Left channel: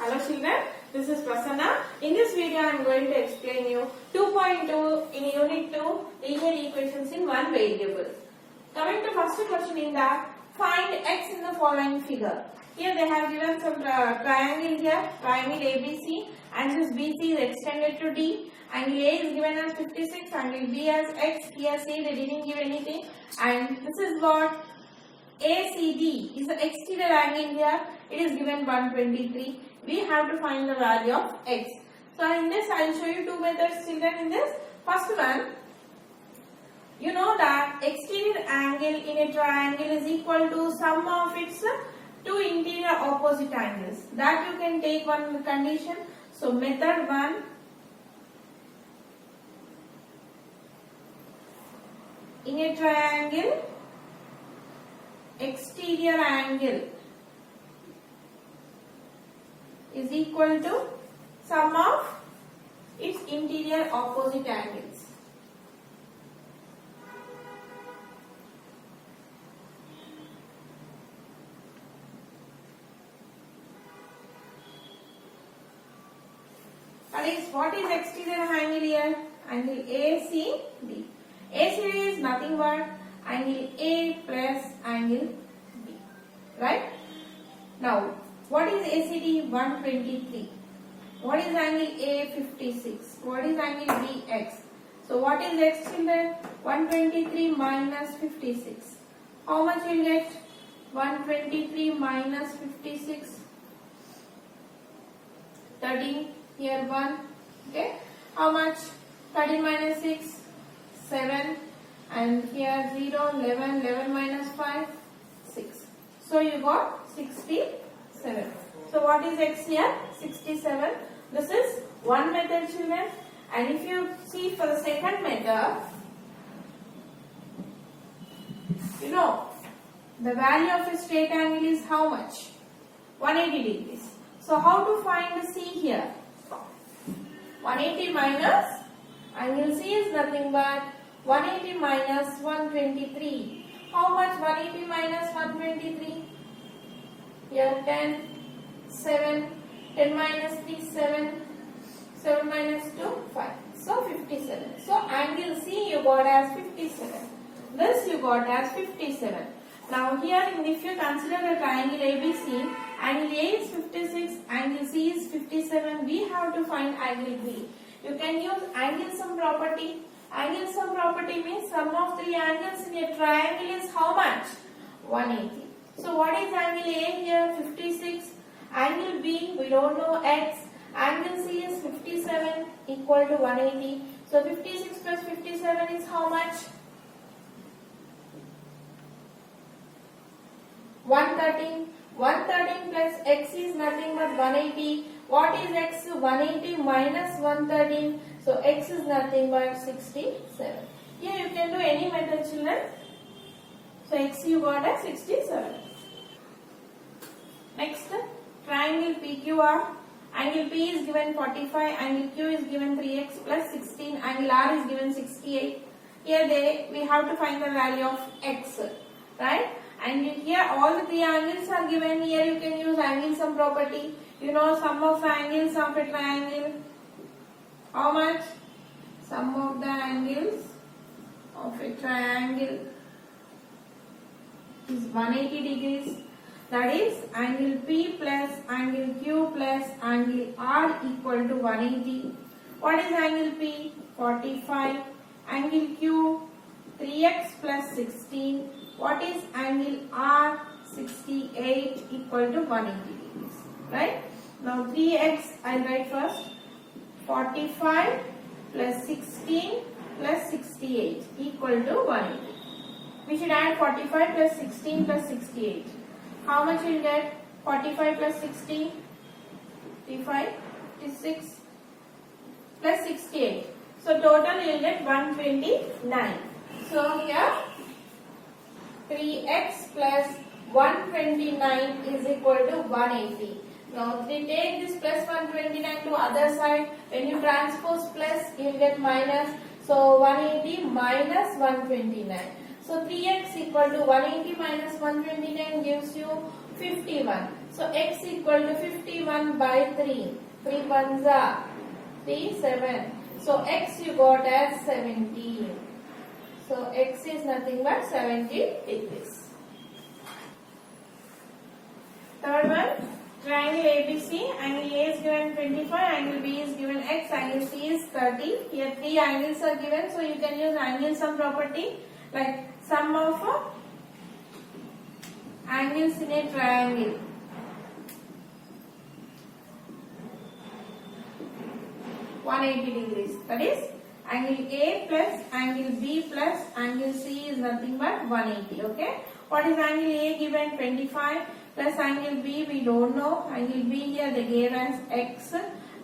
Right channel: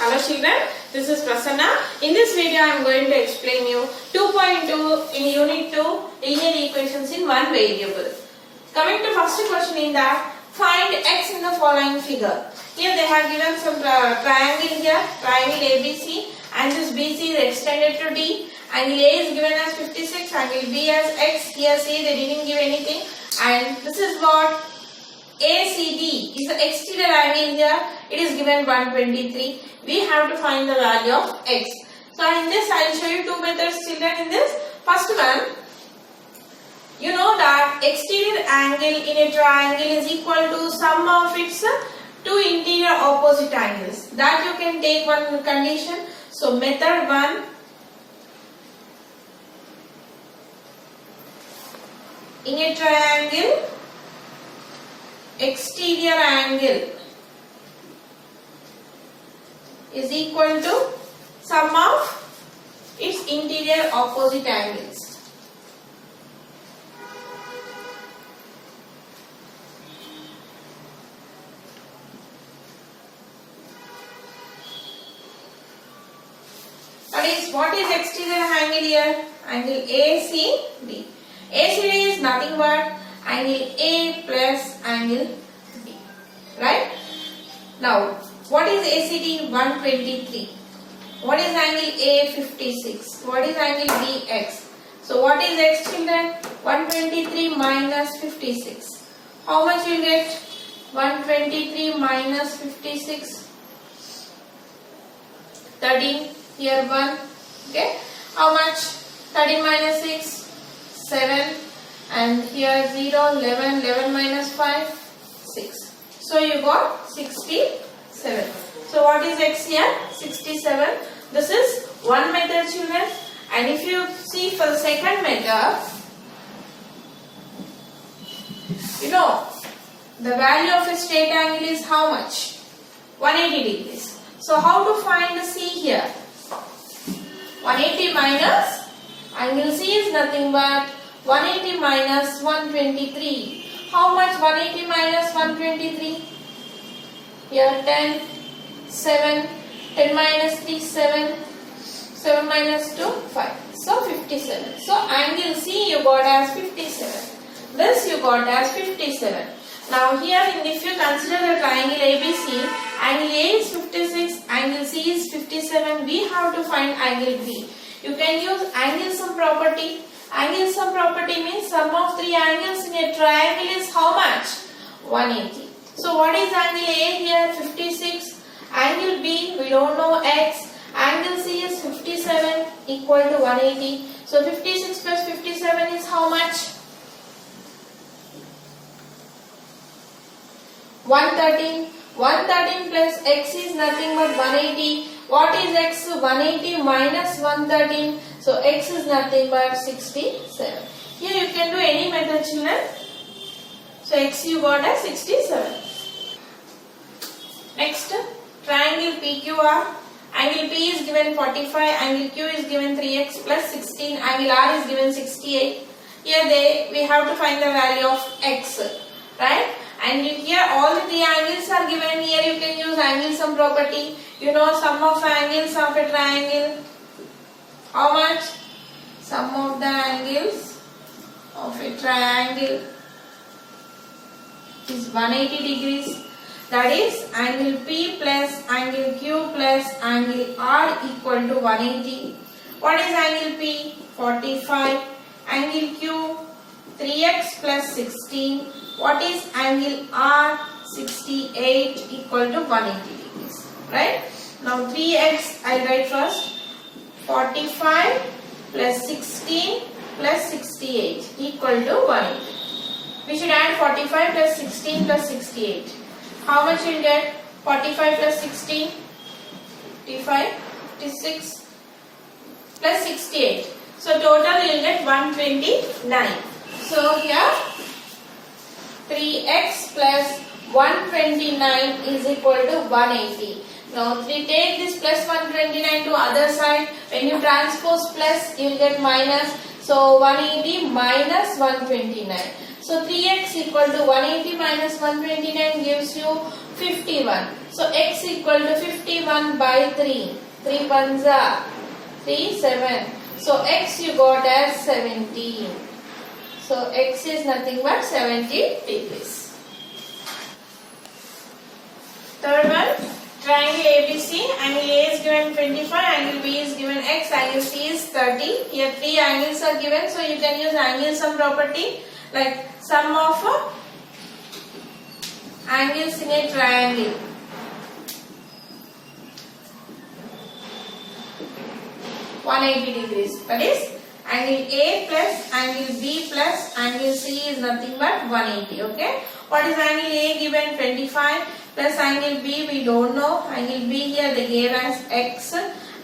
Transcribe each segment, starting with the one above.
Hello children, this is Prasanna. In this video I am going to explain you 2.2 in unit 2 linear equations in one variable. Coming to first question in that, find x in the following figure. Here they have given some triangle here, triangle ABC, and this BC is extended to D. Angle A is given as 56, angle B as x. Here see they didn't give anything, and this is what ACD is the exterior angle here. It is given 123. We have to find the value of x. So in this I will show you two methods, children. In this first one, you know that exterior angle in a triangle is equal to sum of its two interior opposite angles. That you can take one condition. So method 1, in a triangle, exterior angle is equal to sum of its interior opposite angles. That is, what is exterior angle here? Angle ACD. ACD is nothing but angle A plus angle B. Right? Now, what is ACD? 123. What is angle A? 56. What is angle B? X. So, what is x, children? 123 minus 56. How much you will get? 123 minus 56. 13. Here 1. Okay. How much? 13 minus 6. 7. And here 0. 11. 11 minus 5. 6. So, you got 67. So what is x here? 67. This is one method, children. And if you see for the second method, you know the value of a straight angle is how much? 180 degrees. So how to find the C here? 180 minus angle C is nothing but 180 minus 123. How much 180 minus 123? Here 10, 7, 10 minus 3, 7, 7 minus 2, 5. So 57. So angle C you got as 57. This you got as 57. Now here if you consider the triangle ABC, angle A is 56, angle C is 57. We have to find angle B. You can use angle sum property. Angle sum property means sum of three angles in a triangle is how much? 180. So what is angle A here? 56. Angle B, we don't know x. Angle C is 57 equal to 180. So 56 plus 57 is how much? 113. 113 plus x is nothing but 180. What is x? 180 minus 113. So x is nothing but 67. Here you can do any method, children. So x you got as 67. Next, triangle PQR. Angle P is given 45, angle Q is given 3x plus 16, angle R is given 68. Here we have to find the value of x, right? And here all the three angles are given. Here you can use angle sum property. You know sum of angles of a triangle. How much? Sum of the angles of a triangle is 180 degrees. That is angle P plus angle Q plus angle R equal to 180. What is angle P? 45. Angle Q 3x plus 16. What is angle R? 68 equal to 180 degrees. Right? Now 3x I will write first. 45 plus 16 plus 68 equal to 180. We should add 45 plus 16 plus 68. How much you will get? 45 plus 16, 55, 56 plus 68. So total you will get 129. So here 3x plus 129 is equal to 180. Now we take this plus 129 to other side. When you transpose plus you will get minus. So 180 minus 129. So 3x equal to 180 minus 129 gives you 51. So x equal to 51 by 3. 3 panza 3 7. So x you got as 17. So x is nothing but 70 degrees. Third one, triangle ABC. Angle A is given 25, angle B is given x, angle C is 30. Here three angles are given, so you can use angle sum property, like sum of angles in a triangle. (180°). That is angle A plus angle B plus angle C is nothing but 180. Okay. What is angle A given? 25 plus angle B we don't know. Angle B here they gave as x.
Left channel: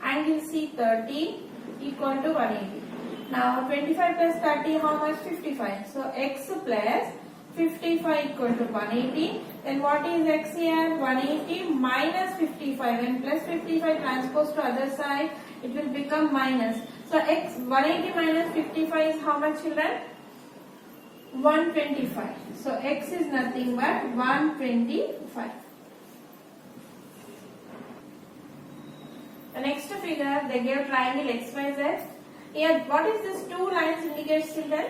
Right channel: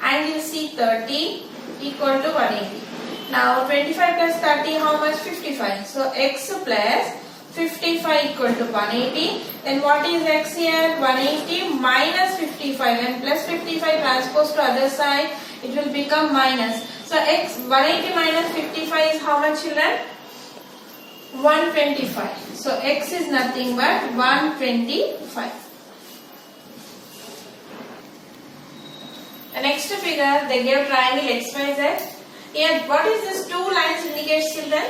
Angle C 30 equal to 180. Now 25 plus 30 how much? 55. So x plus 55 equal to 180. Then what is x here? 180 minus 55 and plus 55 transpose to other side. It will become minus. So x 180 minus 55 is how much, children? 125. So x is nothing but 125. The next figure they gave triangle XYZ. Here what is this two lines indicates, children?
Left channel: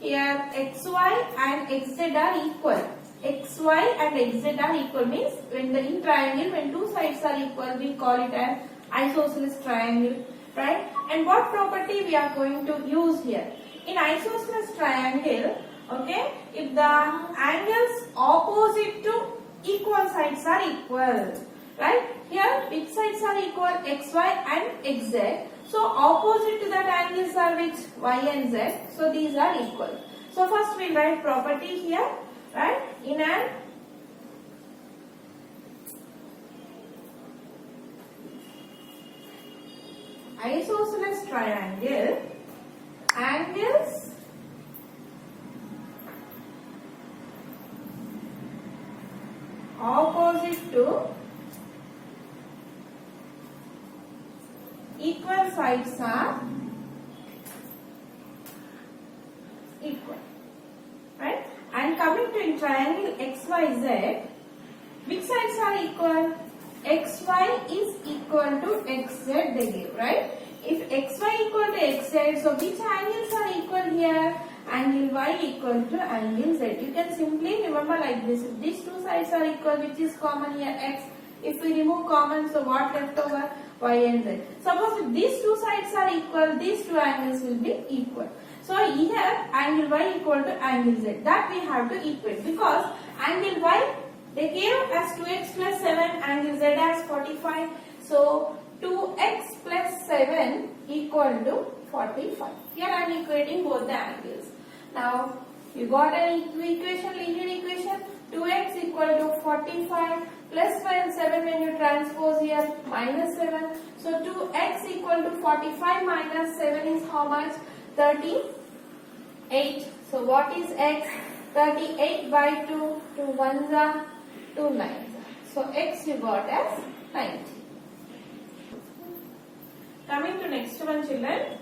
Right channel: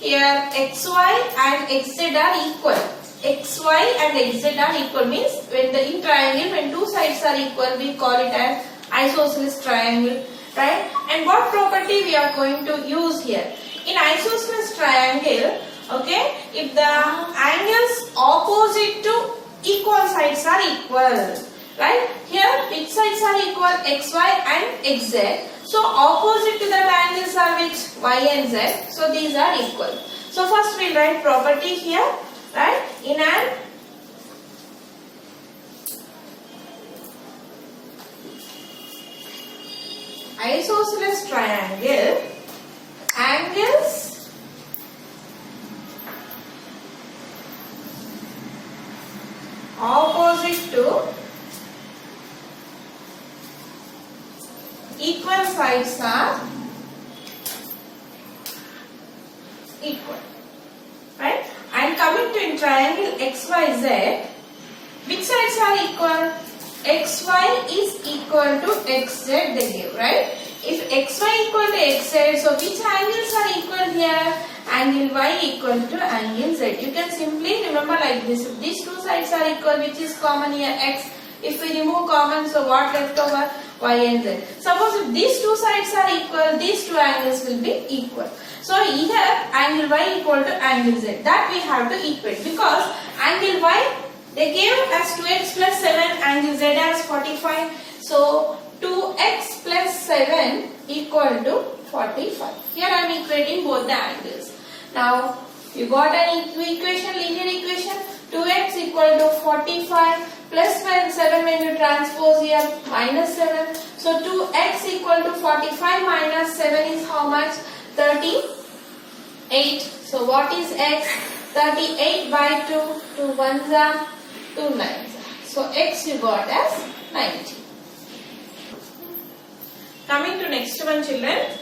Here xy and xz are equal. Xy and xz are equal means when the in triangle when two sides are equal we call it as isosceles triangle, right? And what property we are going to use here? In isosceles triangle, okay, if the angles opposite to equal sides are equal, right? Here which sides are equal? Xy and xz. So opposite to that angles are which? Y and z. So these are equal. So first we'll write property here, right? In an isosceles triangle, angles opposite to equal sides are equal, right? And coming to in triangle XYZ, which sides are equal? XY is equal to XZ they give, right? If XY equal to XZ, so which angles are equal here? Angle Y equal to angle Z. You can simply remember like this. If these two sides are equal, which is common here? X. If we remove common, so what left over? Y and Z. Suppose if these two sides are equal, these two angles will be equal. So here angle Y equal to angle Z. That we have to equate because angle Y they gave as 2x plus 7, angle Z as 45. So 2x plus 7 equal to 45. Here I am equating both the angles. Now you got an equation, linear equation. 2x equal to 45 plus 7 when you transpose here minus 7. So 2x equal to 45 minus 7 is how much? 38. So what is x? 38 by 2. 2 ones are 2 nines. So x you got as 90. Coming to next one, children.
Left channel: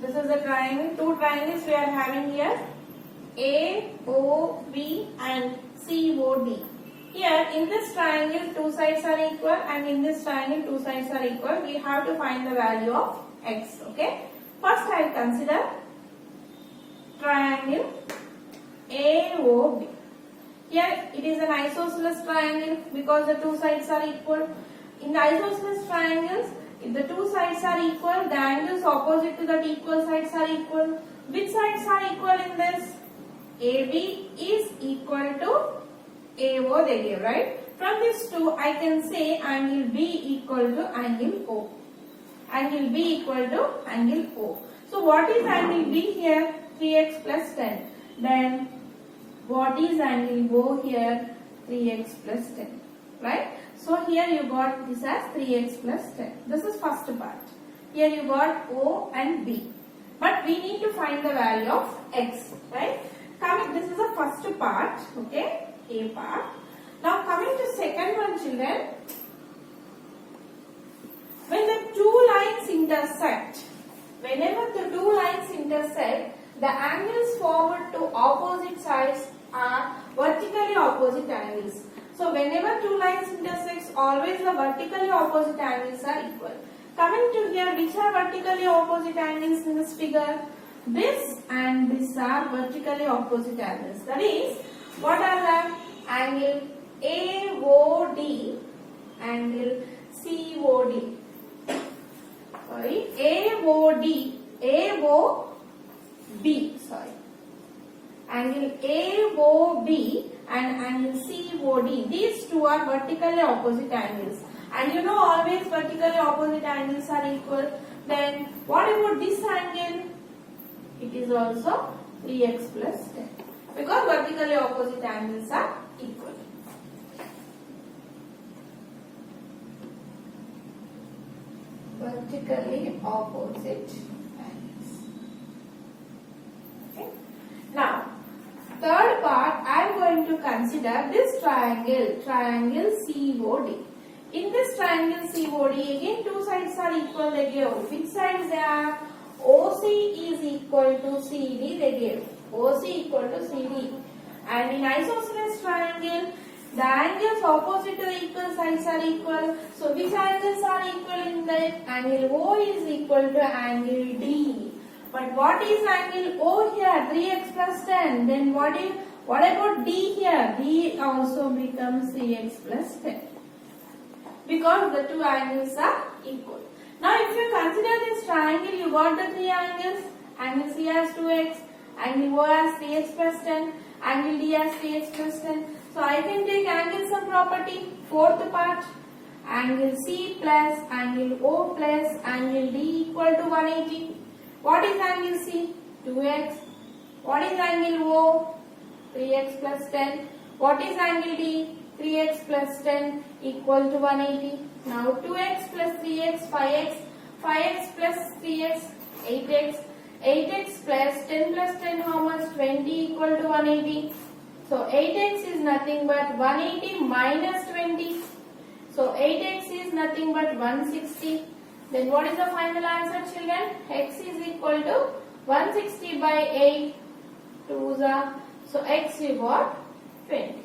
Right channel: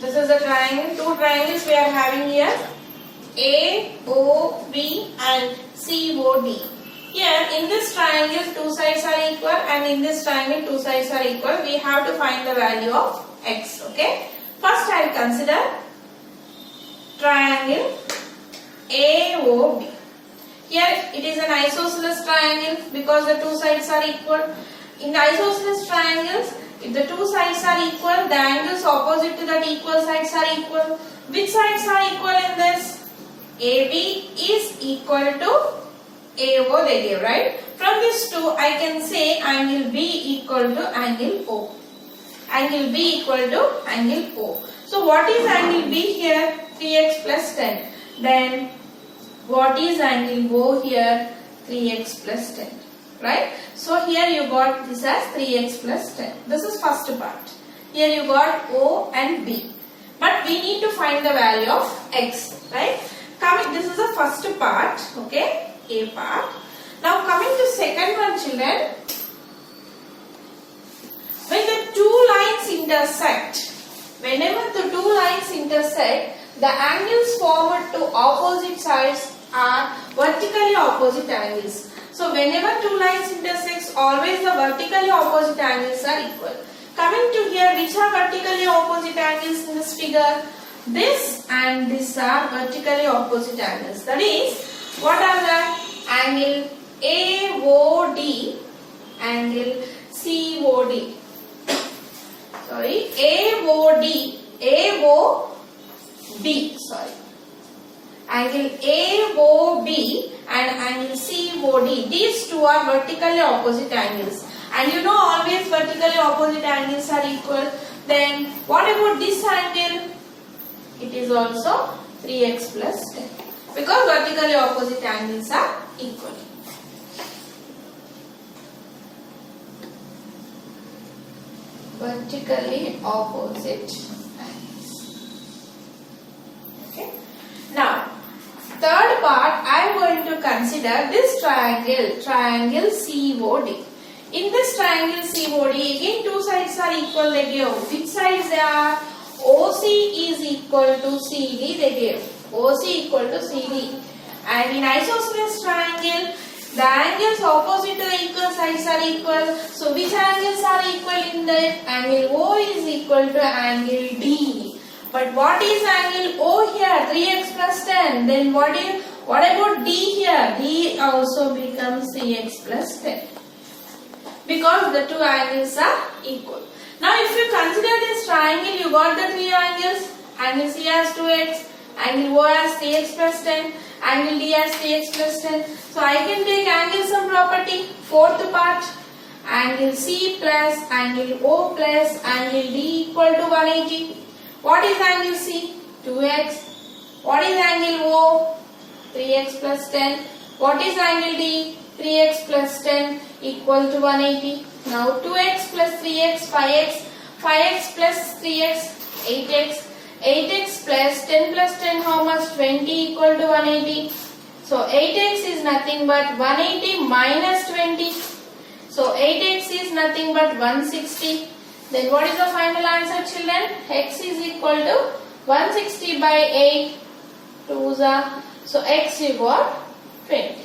This is a triangle. Two triangles we are having here. AOB and COD. Here in this triangle two sides are equal and in this triangle two sides are equal. We have to find the value of x. Okay. First I will consider triangle AOB. Here it is an isosceles triangle because the two sides are equal. In the isosceles triangles, if the two sides are equal, the angles opposite to that equal sides are equal. Which sides are equal in this? AB is equal to AO they give, right? From this two I can say angle B equal to angle O. Angle B equal to angle O. So what is angle B here? 3x plus 10. Then what is angle O here? 3x plus 10. Right? So here you got this as 3x plus 10. This is first part. Here you got O and B. But we need to find the value of x. Right? This is the first part. Okay? A part. Now coming to second one, children. When the two lines intersect, whenever the two lines intersect, the angles formed to opposite sides are vertically opposite angles. So whenever two lines intersect, always the vertically opposite angles are equal. Coming to here, which are vertically opposite angles in this figure? This and this are vertically opposite angles. That is, what are that? Angle AOD, angle COD. Sorry, AOD, sorry. Angle AOB and angle COD. These two are vertically opposite angles. And you know always vertically opposite angles are equal. Then what about this angle? It is also 3x plus 10. Because vertically opposite angles are equal. Vertically opposite angles. Okay. Now, third part, I am going to consider this triangle COD. In this triangle COD, again two sides are equal, they give. Which sides they are? OC is equal to CD, they give. OC equal to CD. And in isosceles triangle, the angles opposite to the equal sides are equal. So which angles are equal in that? Angle O is equal to angle D. But what is angle O here? 3x plus 10. Then what about D here? D also becomes 3x plus 10. Because the two angles are equal. Now if you consider this triangle, you got the three angles. Angle C has 2x, angle O has 3x plus 10, angle D has 3x plus 10. So I can take angle sum property, fourth part. Angle C plus angle O plus angle D equal to 180. What is angle C? 2x. What is angle O? 3x plus 10. What is angle D? 3x plus 10 equal to 180. Now 2x plus 3x, 5x. 5x plus 3x, 8x. 8x plus 10 plus 10, how much? 20 equal to 180. So 8x is nothing but 180 minus 20. So 8x is nothing but 160. Then what is the final answer, children? X is equal to 160 by 8. 2's are. So x you got 20.